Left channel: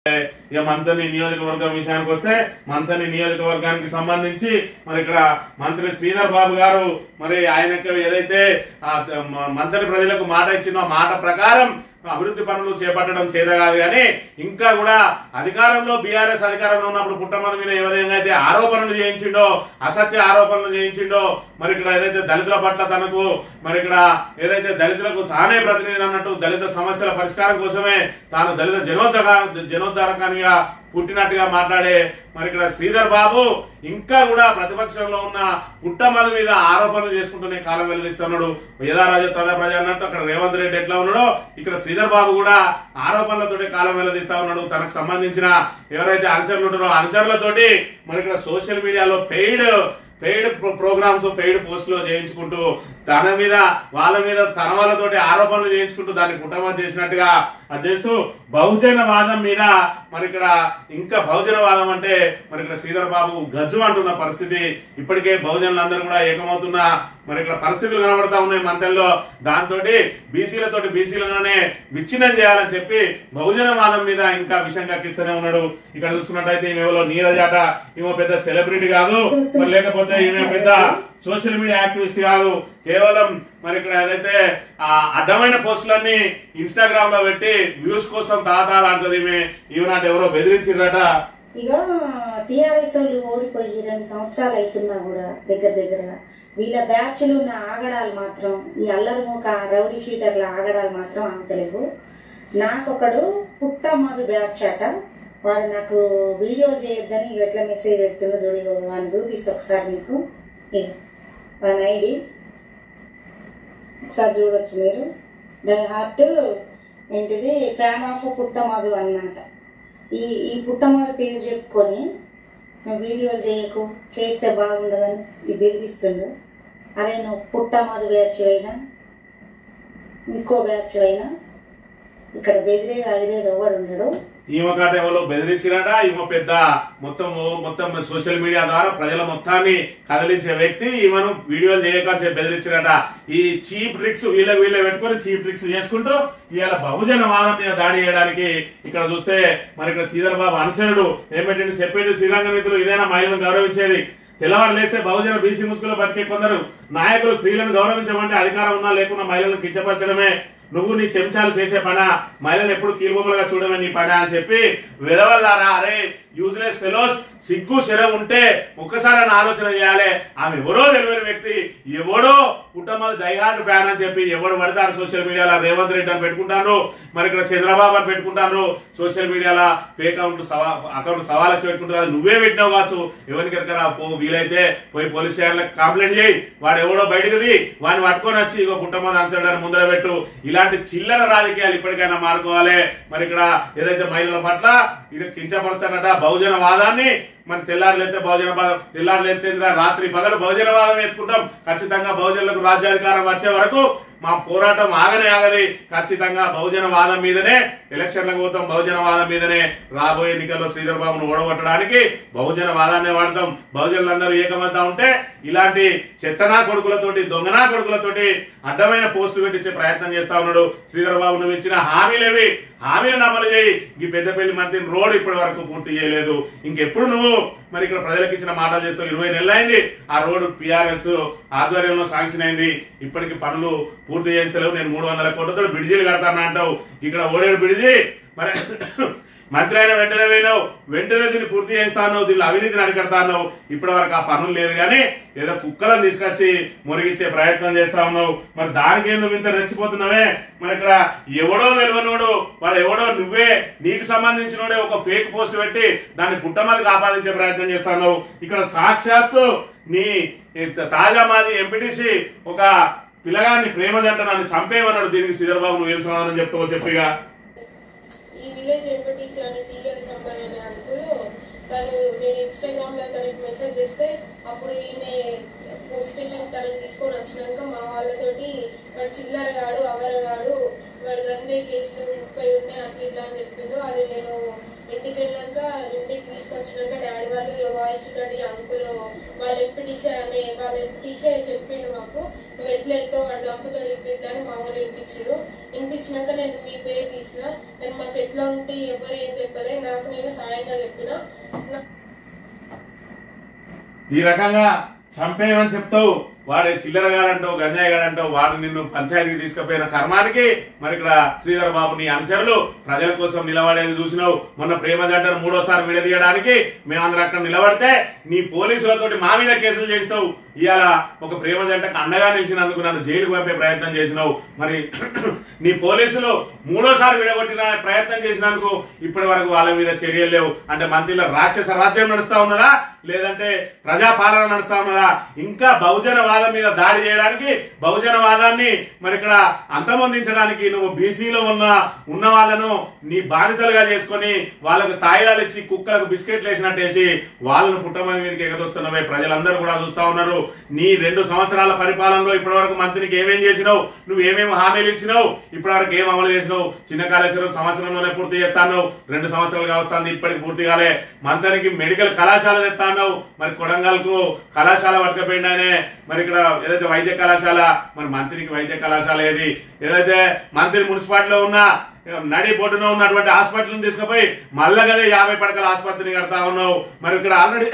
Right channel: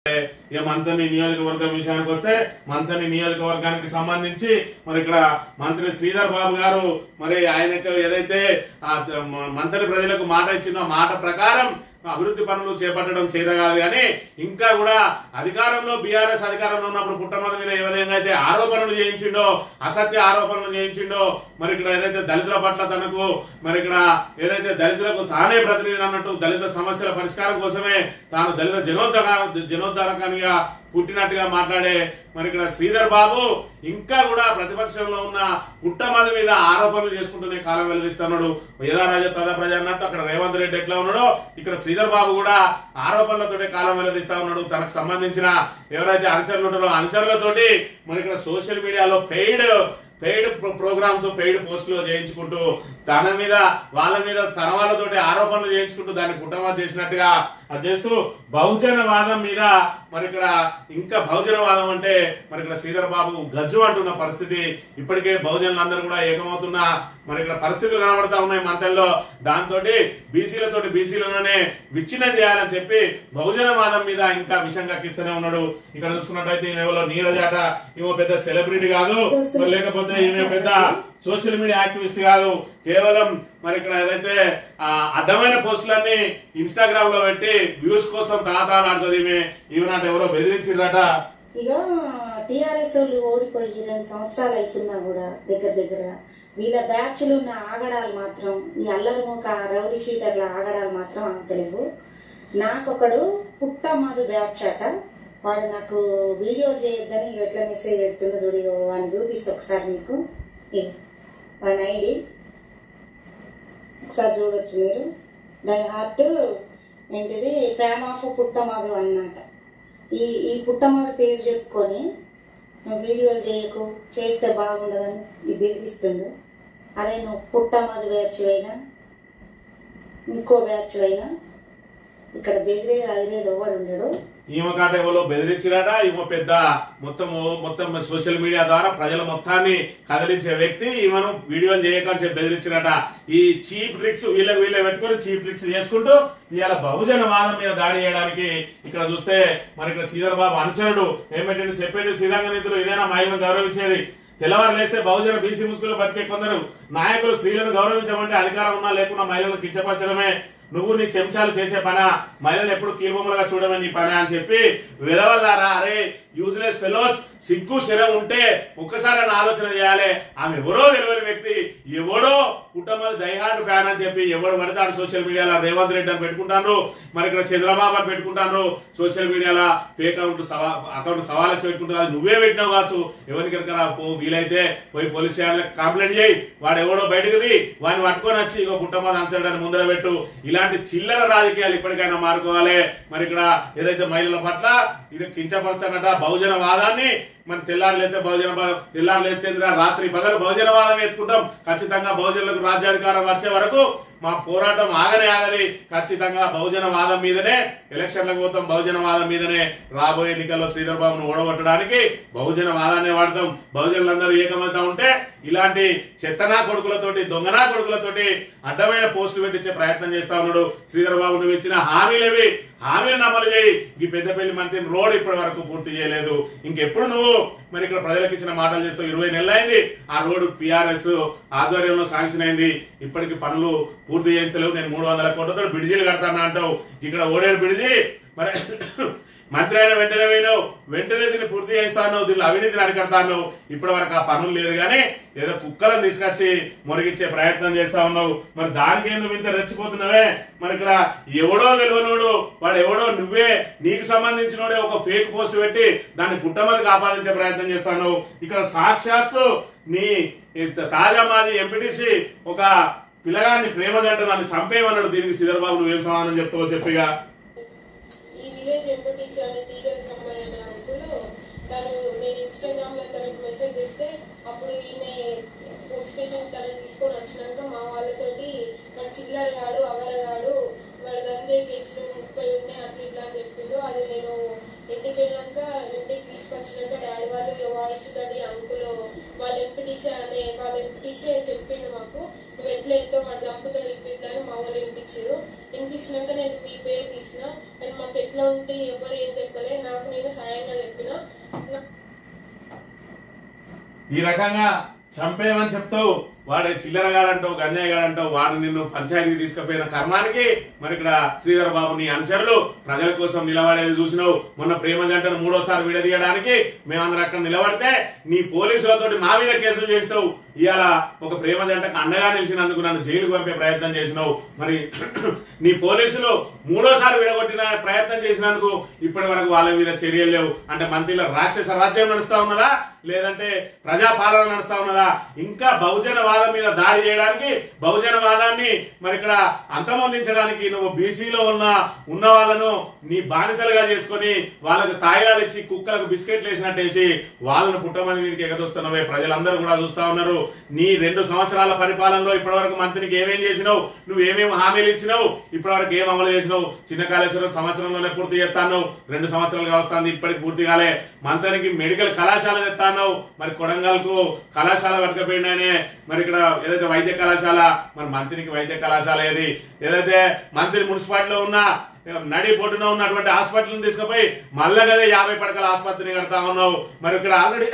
ఇక మంత్రి నియోజకవర్గం విషయానికి వస్తే మంత్రి నియోజకవర్గానికి సంబంధించి మరి ఇక్కడ మంత్రి శ్రీధర్ బాబు గారు మరి ఆయనకు ఏదైతే మంత్రి ప్రజలకు మాట ఇచ్చిందో మాట ప్రకారం అభివృద్ధి పనులు చేపట్టడం చేతగాదు కానీ ఇంకా కూడా అధికారంలో బీఆర్ఎస్ అధికారంలో ఉన్నప్పుడు పుట్టమద మీద ఏ విధంగా అయితే ఆరోపణలు చేయించిండో అసత్య ఆరోపణలు చేయించిండో మరి ఇక్కడ ఏదైతే దళితుల పట్ల తనకు మరి ఇక్కడ ఏదైతే దళితులకు తానే ప్రతినిధి అన్నట్టు దళిత సమస్యల పరిష్కారం కోసమే తాను దళిత జనోద్ధారకానిగా పుట్టినట్టుగా మాట్లాడే మరి ఇక్కడ శ్రీధర్ బాబు ఇంకా కూడా ప్రతిపక్షంలో ఉన్న పుట్టమద మీద ఆరోపణలు చేసుకుంటూనే కాలం వెల్లడిస్తున్నాడు. యథా రాజా తదా ప్రజ అన్నట్టు అక్కడ రేవంత్ రెడ్డి ఎట్లా ఉన్నాడో ఇక్కడ శ్రీధర్ బాబు కూడా ఆరోపణలతోటి కాలం వెల్లడిస్తా ఉన్నాడు. తనకు సంబంధించిన ఎవరైతే అనుచరులు ఉంటారో అనుచరులతోటి మరి ఇక్కడ సోషల్ మీడియాలో పెయిడ్ ప్రోగ్రామ్స్ పెయిడ్ పోస్టులు చేయించుకుంటూ తన మీద వాళ్ళ మీద తన వాళ్ళతోటి ఆరోపణలు చేయించుకుంటూ దాన్ని పుట్టమద చేసినట్టుగా అది చేస్తూ బహుజనవాదం మీద మరి ఇక్కడ ఇంకా బహుజనవాదం అంటే మరి ఇక్కడ శ్రీధర్ బాబు గజ్జు అంటున్న పరిస్థితి. ఇప్పటికే బహుజనులందరూ కూడా ఏకమవుతున్న మరి ఇక్కడ పరిస్థితులు కనబడతా ఉన్నాయి మంత్రుల్లో. దాంతో బీసీలలోనే విచ్ఛిన్నం చేయాలని చెప్పి బహుజనవాదం మీద ఇంకా విషం కక్కిస్తూనే ఉన్నాడు. ఇక్కడ చూసుకున్నట్టయితే ఈమెలో నీరజాట ఈమె పెద్ద సెలబ్రిటీ కాదు, మరి లేకపోతే ఈమె పెద్ద సోషల్ మీడియా యాక్టివిస్ట్ కాదు. కేవలం మరి ఇక్కడ ఏదైతే అడ్డమైన పోస్టులన్నీ ఇన్స్టాగ్రామ్ లో పెట్టి వ్యూస్ కోసం తాతాలాడుతుంది. ఈమె నాట ఎవరో బెదిరించిందట. ఇక టీఆర్ఎస్ వాళ్ళు ఓడిపోయి 2 సంవత్సరాలు అవుతున్నా కూడా దగ్గర వీళ్ళ బ్యాచ్లు ఉన్న ఆగడాలు మాత్రం ఈ అల్లరి ముఖ రౌడీ షీటర్ల ఆగడాలు మాత్రం అంతలేవు. నాకొకడు పుట్టమదు బ్యాచ్ అట, వాడు నాకు వీడియో చేయొద్దని ఎట్లా మెసేజ్ పెడుతుండో చూడి వాడిని చూపిస్తా ఒకసారి మీకు. వాని ఐడి ఒకసారి చూడొచ్చు మీరు. డై హార్ట్ ఏంటిది ఫ్యాన్ ఆఫ్ పుట్టమదు అన్నమాట. ఈ పుట్టమదు పేరు చెప్పుకొని నువ్వు వీడియోలు చేయకు, చేస్తే బాగుండదని ఈ బెదిరిస్తుండు. అరే నువ్వు పుట్టమదు బ్యాచ్ అయినా ఇంకో బ్యాచ్ అయినా ఇక్కడ బెదిరేది అదిరేది ఎవడు ఉండడు. ఈమె కాట ఎవరో బెదిరించిరాట. ఈమె పెద్ద మొత్తం సోషల్ మీడియా ద్వారా ప్రజల మొత్తాన్ని కదిలించే వ్యక్తి. ఈమెను వీడియోలు చేయక బెదిరించిరాట. ఈ చీప్ ట్రిక్స్ వీళ్ళ పెట్టుకుని చీప్ ట్రిక్స్ చేసుకుంటూ ఇవాళ బహుజన వాదం మీద దాడి చేయడానికి ఇక్కడ చూస్తే మరి ఇక్కడ శ్రీధర్ బాబు అనుచరుడు ఏమిటంటే చెప్పేది శ్రీరంగ నీతులు ఇదేనా మహిళలను గౌరవించేది. తెల్లవారు లేస్తే బహుజన బీసీ ముసుగులో బతికే కొందరు నాయకులు స్త్రీలను గౌరవించమంటే అధికారం ఉన్నా లేకున్నా మహిళలను కించపరచడమే నువ్వు నీ చెంచాలు చేసే పనా, మహిళలు ఎప్పుడు కీలుబొమ్మలుగా చూడమే నీ పని అని చెప్పి వెలవల్లారా. అరే యూజ్లెస్ ఫెలోస్, సిగ్గు శరం ఉంటే ఒక్కసారి ఆలోచన చేయాలి. ఆమె ఎవరో తెలియని వ్యక్తి, ఎవడో కుటుంబాలు డైహార్డ్ ఫ్యాన్ అని చెప్పి ఎవడు పడతాడు సోషల్ మీడియాలో రేవంత్ రెడ్డి అని పెట్టుకుంటాను, మరి ఇక్కడ చంద్రబాబు అని పెట్టుకుంటాను. సోషల్ మీడియాలో ఫేక్ అకౌంట్ సవాలక్ష పెట్టుకుంటారు. అది నువ్వే పెట్టినావు కావచ్చు. ఎవరికి ఎక్కరా పో, వీలైతే పోయి పోలీస్ స్టేషన్లకు కంప్లైంట్ చేయి. వాడు ఎవడో బయటకుది వాడిని పట్టుకొని వచ్చి ఇక కుటుంబాలు అంచడానికి ముందర పెట్టు. ఇలాంటి చిల్లర రాజకీయాలు ఇప్పటికైనా మారుకోవాలి. మరి ఇక్కడ ఏదైతే మహిళల పట్ల ఇది కించపరచనట బహుజనవాదాన్ని మరి తెల్లారులేస్తే తెల్లారులేస్తే రాత్రి పగలు బహుజనవాదం ఎత్తుకుంటాం. ఖచ్చితంగా బహుజనులకు రాజ్యాధికారం వచ్చే వరకు మా పోరాటం ఆగది. ఖచ్చితంగా బహుజనవాదం మీదనే ఎలక్షన్లకు పోతాం. బహుజనవాదం మీదనే రాబోయే ఎన్నికల్లో శ్రీధర్ బాబును ఓడగొట్టడానికి బహుజనవాదాన్ని వాడతాం. బహుజనులందరూ ఏకమవుతా ఉంటే ఇలాంటి చెత్తనా కొడుకులతోటి దొంగనా కొడుకులతోటి అడ్డమైన పోస్టులు పెట్టించే ప్రయత్నం చేస్తా ఉన్నాడు. శ్రీధర్ బాబు నువ్వు ఇచ్చిన హామీలేవి, హామీలను అమలు చేయి. ఈ పెద్దపల్లి మంత్రి రోడ్ ఇప్పటి వరకు పూర్తి చేయలేదు. ఇంకెప్పుడు నువ్వు మరి ఇక్కడ ప్రజలకు ఇచ్చిన మాటలు చేస్తావు. 20 నెలలు అయింది ఆ రోడ్డు పిఆర్ఎస్ ఆధ్వర్యంలో శాంక్షన్ అయింది. ఇప్పటికి పనులు పూర్తి చేస్తలేవు. నేను 300 కోట్లతో బ్రిడ్జీలు కడతాను అంటావు. ఇక్కడ ఓడేడు బ్రిడ్జి మరి మంత్రి అయిన వెంటనే పోయినావు, వెంటనే దీన్ని పూర్తి చేస్తాను, దీన్ని అవినీతిని అరికడతాను. ఇప్పటి వరకు ఆ పనులు లేదు కానీ ఏదో కుక్కలను తీసుకొచ్చి మురిగిచ్చే ప్రయత్నం చేస్తా ఉన్నావు. మరి దానికే నువ్వు ఇంత రెచ్చిపోతున్నావే. మరి ఇక్కడ ఎవడో తెలియనోడు వాడు ఎవడో నువ్వే నీకు సంబంధించినోడే ఒక ఫేక్ పోస్ట్ పెట్టి దాన్ని పుట్టమదికి ఆపాదించే ప్రయత్నం చేస్తా ఉన్నావు. ఇక్కడ సాక్షాత్తు నీ తాజా మాజీ ఎంపీటీసీ ఒక పిల్లగాన్ని ప్రేమ జంట నన్ను చంపేయమన్నాడు. దీనికి శ్రీధర్ బాబు నువ్వేం సమాధానం చెప్తావో చెప్పిగా. ఈ విలేజ్ ఎంపీటీసీ అని తీగలి సంబయ్య అనే అంకుల్ తను నేను ఇన్స్టాగ్రామ్ లో తనకి మెసేజ్ చేస్తే అప్పుడు ఈయన పోలీస్ స్టేషన్ తనని తీసుకొని వచ్చినాక మా వాళ్ళతోటి వాడు చిల్లరగాడు అవరగాడు వాడు గంజాయి కేసులు 30 ఉన్నాయి అట్లా ఇట్లా అని చెప్పిండు. అది నేను ఇంటికి వెళ్ళాక ఇంటికి తీసుకొచ్చినాక డాడీ వాళ్ళు వాయిస్ రికార్డ్ అంకుల్ వాళ్ళ ఎంపీటీసీ చెప్పిండు మాకు, నువ్వు ఎట్లా వెళ్తావు వాడు చంపుతాడు ఇట్లా అని మా వాళ్ళు వినిపించినాక నేను మీ పేరు తీసిన, కానీ మాకు ఎట్లా ఉంటే ఎవరు ఏం చెప్పలే, నాకు నేను సాయంగా చెప్పిన. ఈ రకంగా చంపేయమని చెప్తావు, వాడే చిల్లరగాడంటావు, గంజాయిగాడంటావు, వాడు నిన్ను పంచాయతీకి తీసుకుపోయిన కర్మానికి మరి ఇక్కడ శ్రీధర్ బాబు నీ అనుచరులు ప్రజల కోసం నిలబడేది చూసినావు. మొన్న ప్రేమ జంటను 3వ విడదీయడానికి మేమందరం అక్కడ నిలబడితే నీ పోలీసులతోటి మా మీద కేసులు చేసినావు. ఇవాళ ఒక ప్రేమ జంటకు అండగా నిలిచినందుకు నన్ను జైలుకు పంపే ప్రయత్నం చేసినావు. మరి నీ పోలీసులు 3వ విడగొట్టిన ప్రయత్నం చేసినందుకు ఇప్పటి వరకు వాళ్ళ మీద చర్యలు లేవు. అంటే మంత్రిలో రాక్షస రాజ్యం నడుస్తా ఉన్నదా, లేదంటే ప్రజాపాలన నడుస్తా ఉన్నదా? ఇంకా బహుజనవాదం మీద దాడి చేయడానికి, బహుజనవాదాన్ని మరి ఇక్కడ అంతమొందించడానికి నువ్వు బీసీలో ఉన్న వాళ్ళను నీ బానిసలుగా చేసుకుని వాళ్ళకు తాయిలాలు ఇచ్చి కుక్కలకు బిస్కెట్లు వేసినట్టేసి వాళ్ళను పుట్టమని మీదకి ఎగదొస్తున్నవే. ప్రజలందరూ కూడా చూస్తా ఉన్నారు. నీ 2 సంవత్సరాల పరిపాలనలో ఇప్పటి వరకు మంత్రికి ఏమేం చేసినావు, నువ్వు ఏమేమి హామీలు ఇచ్చినావు, ఇప్పటి వరకు ఏం అమలు చేసినావు? చిన్న కాళేశ్వరం సంవత్సరంలోనే పూర్తి చేస్తాను, 2 సంవత్సరాలుగా వస్తుంది, ఇప్పటికి పూర్తి కాలే. మంత్రికి మెడికల్ కళాశాల తెస్తాను, మరి కొడంగల్కు కళాశాల పట్టుకపోయిందనే. మరి ఇక్కడ ఏదైతే వైద్య కళాశాల, మరి మంత్రికి వైద్య కళాశాల ఏది? ఏదైతే మంత్రి మున్సిపాలిటీలో ఉన్న నడి బొడ్డున ఉన్నటువంటి హాస్పిటల్ని తీసుకుపోయి మళ్ళా కదా 50 పడకల ఆసుపత్రిని కడతా ఉన్నావు. మరి ఇక్కడ ఆల్రెడీ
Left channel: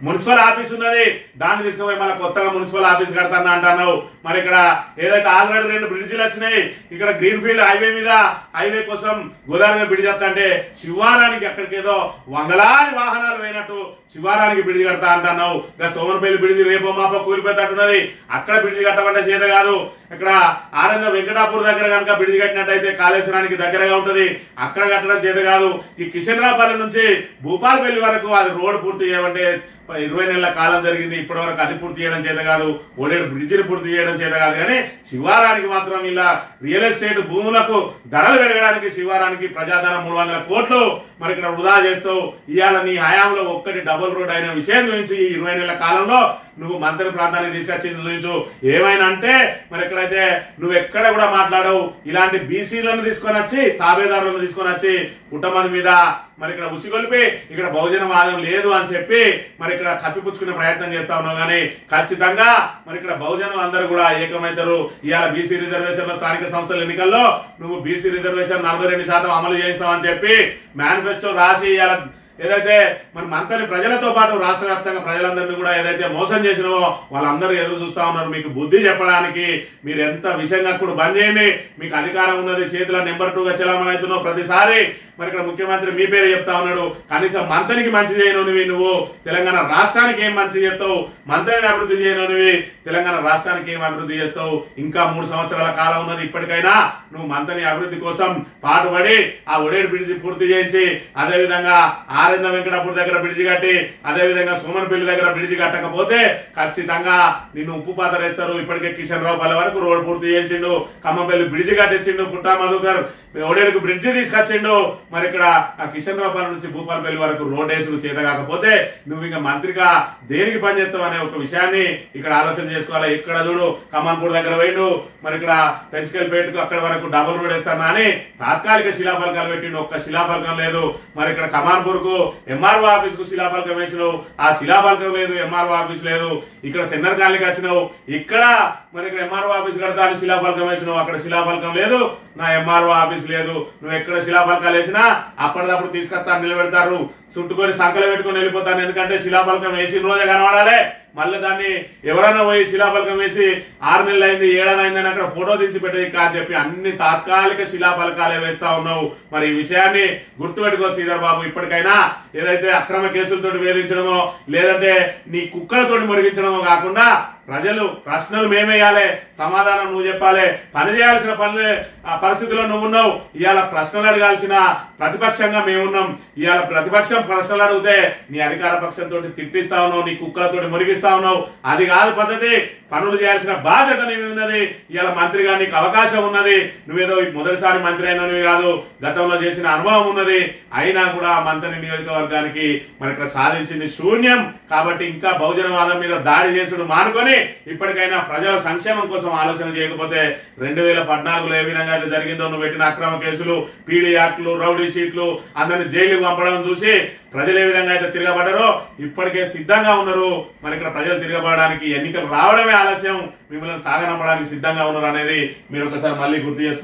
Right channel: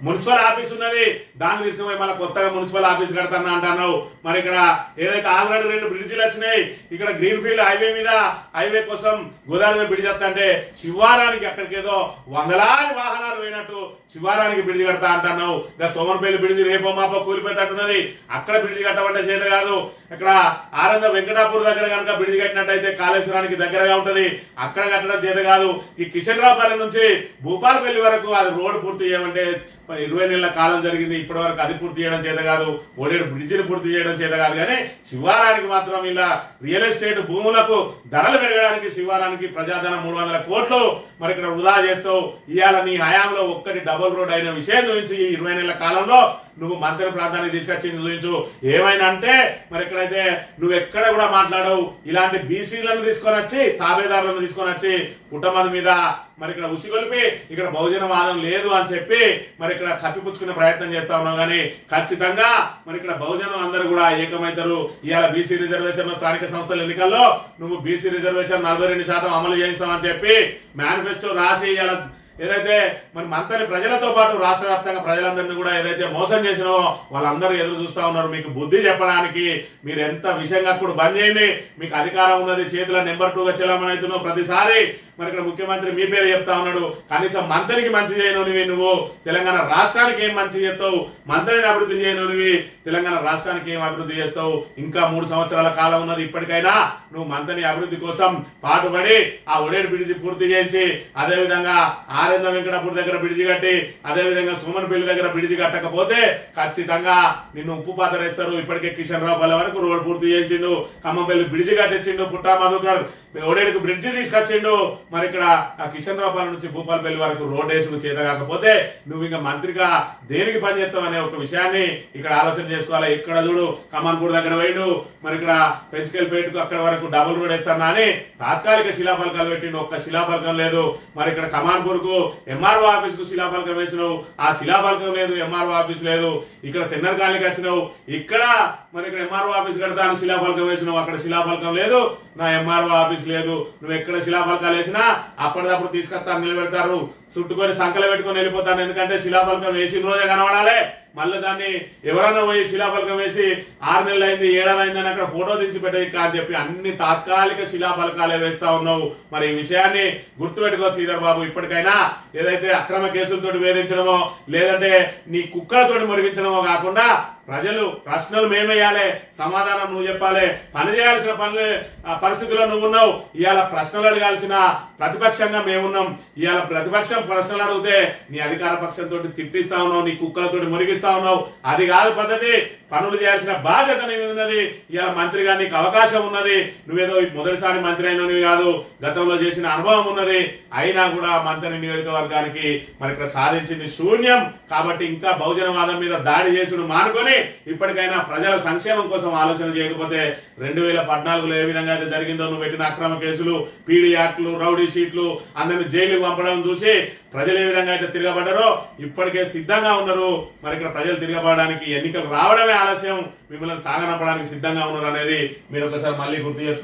మున్సిపల్ ఆఫీస్ ఉన్నది, దాన్ని తీసుకుపోయి మళ్ళీ కొత్తగా మున్సిపల్ ఆఫీస్ కడతాను అంటున్నావు. మరి ఇక్కడ ఏదైతే ఆల్రెడీ 2 బ్రిడ్జిలు వచ్చినాయి, ఇక్కడ గ్రీన్ ఫీల్డ్ హైవే మీద హైవే కోసం గోదావరి బ్రిడ్జ్ వస్తా అంటే శివారానికి అక్కడికి ఏదో వందలాది వాహనాలు పోయినట్టు శివారానికి బ్రిడ్జ్ కడతా అంటున్నావు. ఇంకా సోమనపల్లి బ్రిడ్జ్ రేపో మాపో కూలిపోయేటట్టున్నది, అక్కడ బ్రిడ్జ్ కట్టమంటే చేత కాదు. ఇక్కడ ఆనంద వెంకటాపూర్ దగ్గర కనుక బ్రిడ్జ్ కట్టినట్టయితే కాళేశ్వరానికి దగ్గరగా ఉంటది, అక్కడ కట్టడం చేత కాదు. ఈ కిషన్రావుపల్లి నుంచి భూపాలపల్లి వరకు అది రోడ్డు పూర్తి చేయమంటే 20 నెలల కాలం జరిగింది, ఇప్పటి వరకు అది పూర్తి చేయడం చేత కాదు. ఓడేడు బ్రిడ్జిని పూర్తి చేయడం చేత కాదు. కానీ శివారానికి మాత్రం ఇలా రియల్ ఎస్టేట్ భూములకు ధరలు పెరగడానికి శివారానికి ప్రజాధనం 300 కోట్లు మరి ఇక్కడ వృధా చేస్తావు. ఇవాళ నీ హయాంలో ఒక్కటి డబుల్ రోడ్ అయిన విషయం గురించి ఈ 20 నెలల కాలంలో నువ్వు మంత్రి ప్రాంతానికి తీసుకొచ్చింది చూపించు. ఏమైనా అంటే మరి ఎక్కడైతే నువ్వు ఎక్కడ కూడా మాట్లాడవు. ఇలాంటి బీసీలను తీసుకొని వచ్చి, తాబేదారులను తీసుకొని వచ్చి పుట్టమంది మీద మరి ఇక్కడ ఉసిగొలిపి ఇక్కడ బహుజన వాదం లేదు అని చెప్పి మరి ఇక్కడ కప్పిపుచ్చుకునే ప్రయత్నం చేస్తా ఉన్నావు. కానీ ఖచ్చితంగా మరి ఇక్కడ బహుజనులు అందరూ కూడా ఏకమైతారు. ఇవాళ బీసీ రిజర్వేషన్ స్థానిక సంస్థల ఎన్నికల్లో నువ్వు బీసీ రిజర్వేషన్ 42% అమలు చేయిస్తావని చెప్పి మేనిఫెస్టో రాసి ఇవాళ ఏదైతే మరి మంత్రి ప్రజలతో పాటు రాష్ట్ర వ్యాప్తంగా ప్రజలందరినీ కూడా ఏదైతే మోసం చేసినావో వాళ్ళందరూ ఎదురు చూస్తా ఉన్నారు మీకు బుద్ధి చెప్పడానికి. మీరు ఎంత విషయంగా కూడా బంద్ చేయండి, మీకు అధికారం ఉన్నది, చేతిలో నెంబర్ 2గా చలామణి అవుతున్నావు. ప్రతిసారి మరి ఇక్కడ ముఖ్యమంత్రి మీ పేరు చెప్తా ఉన్నాడు. కనీసం మంత్రికి మంచి చేయనునివి నువ్వు, తెలంగాణ రాష్ట్రానికి ఏం మంచి చేస్తావు? మంత్రిని అభివృద్ధి చేయనునివి, తెలంగాణ రాష్ట్రానికి ఏం అభివృద్ధి చేస్తావు? ఇంకా 3 సంవత్సరాల కాలం ఉన్నది. ఇప్పటికైనా నువ్వు మంత్రిని అభివృద్ధి కోసం పాటుపడి ఆ ఒడేడు బ్రిడ్జి పూర్తి చేయించి, అదేవిధంగా ఆరేంద్ర వెంకటాపూర్ దగ్గర బ్రిడ్జి కట్టి, అదేవిధంగా సోమనపల్లి దగ్గర బ్రిడ్జి కట్టకపోతే ఖచ్చితంగా నిన్ను ఉప్పు పాత వేస్తారు. ఇప్పటికే కిషన్ రావుపల్లి వరకు రోడ్ పూర్తి చేయించిండు, ఖమ్మంపల్లి బ్రిడ్జి కట్టించిండు, పుట్టా మధుకర్ ఒడేడుకు బ్రిడ్జి తీసుకొచ్చిండు. మరి ఇక్కడ ఆ కిషన్ రావుపల్లి నుంచి భూపాలపల్లి వరకు రోడ్ వేసులు చేత కాకపోతే నువ్వు ఇంకా మంత్రిగా దేనికి పనిచేస్తావు అనే ఒక విషయాన్ని ఇక్కడ ఆలోచన చేసుకోవాలి. ఇక్కడ చూడు కమాన్పూర్ దగ్గర పోయిండు, మరి ఇక్కడ పెంచుకెళ్ళిపేటకు అక్కడ వరకు డబుల్ రోడ్ వేస్తానా అని తాత్కాలిక శిలాఫలకాలు పెట్టిండు, ఒక్క శిలాఫలకం లేదు. మరి ఇక్కడ కమాన్పూర్ కు ఎంఆర్ఓ ఆఫీస్ కు శిలాఫలకం వేసినావు, ఆ శిలాఫలకం లేదు, ఎంఆర్ఓ ఆఫీస్ లేదు. ఇక్కడ సెన్నర్ కాలనీకి వచ్చినావు, ఇక్కడ మరి ఇక్కడ ఎంఆర్ఓ ఆఫీస్ కడతా అని శిలాఫలకం వేసినావు, అక్కడ శిలాఫలకం లేదు, నా ఎంఆర్ఓ ఆఫీస్ లేదు. నువ్వు ఎక్కడ శిలాఫలకాలు వేసినా అప్పటిదప్పుడు తీసుకొస్తా నిలబెడతారు, చుట్టుకొని సంకలు పెట్టుకుని వెళ్ళిపోతాను. ఎందుకంటే శిలాఫలకం వేసిన రోజే కనబడాలి. మళ్ళీ దాన్ని ఎవరైనా పోయి శిలాఫలకం వేసి 6 నెలలు అయింది, 7 నెలలు అయిందని అక్కడ ఫోటో దించి పెట్టేది కాని చెప్పి అన్ని తాత్కాలిక శిలాఫలకాలే వేస్తా ఉన్నావు. మరి ఈ విషయాన్ని గుర్తుపెట్టుకో శ్రీధర్ బాబు. ఇప్పటికైనా ఏదైతే అక్రమ కేసులతో వేధించడమో లేదంటే నీ కుక్కలతోటి మురిగించడమో కాకుండా ప్రజలు ప్రశ్నలు మేమేయాలి, సమాధానం నువ్వు చెప్పాలి. పని చేయాల్సిన పరిస్థితిలో నువ్వున్నావు. ఇవాళ ప్రశ్నలు అడగాల్సిన ప్రతిపక్షంగా మేమున్నాం. ఇవాళ ప్రతిపక్షం ప్రశ్నలు అడిగితే నీ అధికార పక్షంతో తిట్టిస్తా ఉన్నావు, నీ కుక్కలతోటి మురిగిస్తా ఉన్నావు. అది కాదు పద్ధతి. పనులు చేయాల్సిన బాధ్యత నీకు ఉన్నది. ఇవాళ మంత్రిగా నీకు అవకాశం ఉన్నది. నువ్వేదో మొదటిసారి మంత్రి అయినవి కాదు, గతంలో చేసిన అనుభవం ఉన్నది. అయినా కూడా మంత్రి నియోజకవర్గానికి మరి ఇక్కడ సాధించింది శూన్యం. కాబట్టి ఇంకా బహుజనవాదం మీద దాడి చేసుడు మానుకొని కానీ ఇప్పటికైనా ప్రజల సంక్షేమం కోసం ఆలోచన చేయకపోతే 2014లో ఏ విధంగా అయితే జరిగిందో నువ్వు పెట్టిన అక్రమ కేసులు, పీడీ యాక్ట్లు, రౌడీ షీట్లు, అందరిని జైలుకు పంపడం చూసి ప్రజలు ఏ విధంగా అయితే తిరగబడ్డారో ఇప్పటికే సిద్ధంగా ఉన్నారు. మరి ఇక్కడ ప్రజలు తిరగబడడానికి ఎన్నికలు రావడమే ఆలస్యం, మిమ్మల్ని సాగనంపడానికి సిద్ధంగా ఉన్నారు అనేది మీరు ఒకసారి మళ్ళీ గుర్తు చేసుకోండి.